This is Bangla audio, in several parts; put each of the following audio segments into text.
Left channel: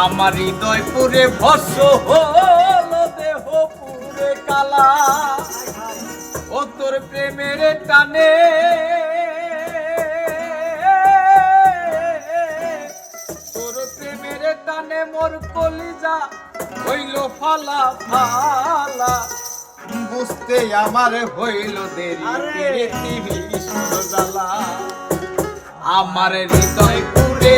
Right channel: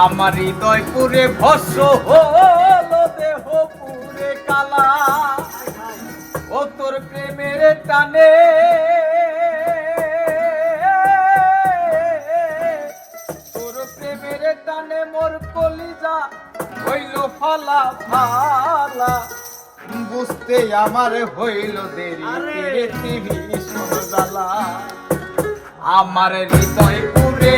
আমার হৃদয় পুরে ভস্য হলো দেহ পুরে কালা। ও তোর প্রেমের টানে। তোর প্রেমের টানে মোর কলিজা হইল ফালা ফালা। বুঝতে আমার হইল দেরি তীরে টিভি জ্বালা। আমার হৃদয় পুরে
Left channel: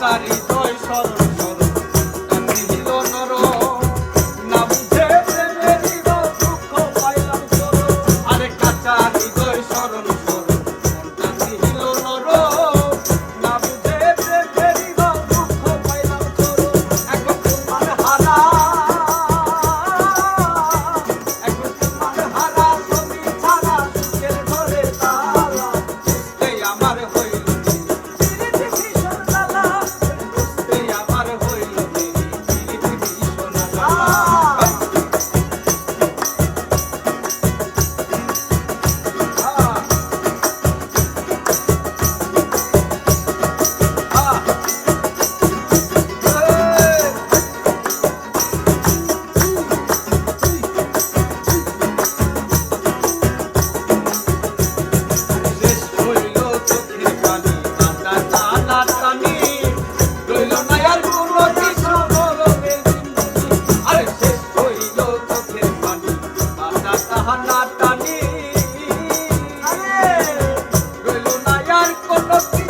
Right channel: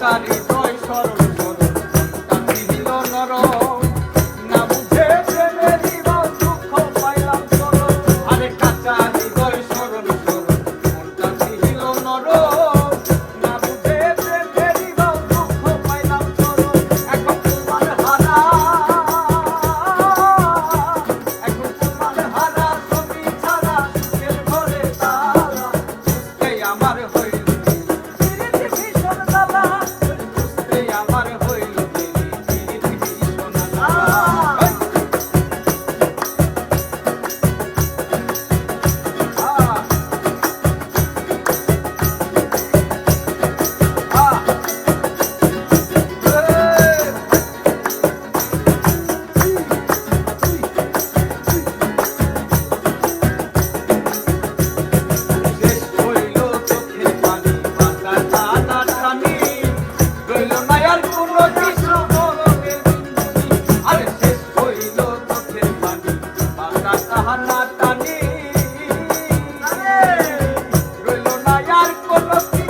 কালী জয় স্মরণ nosso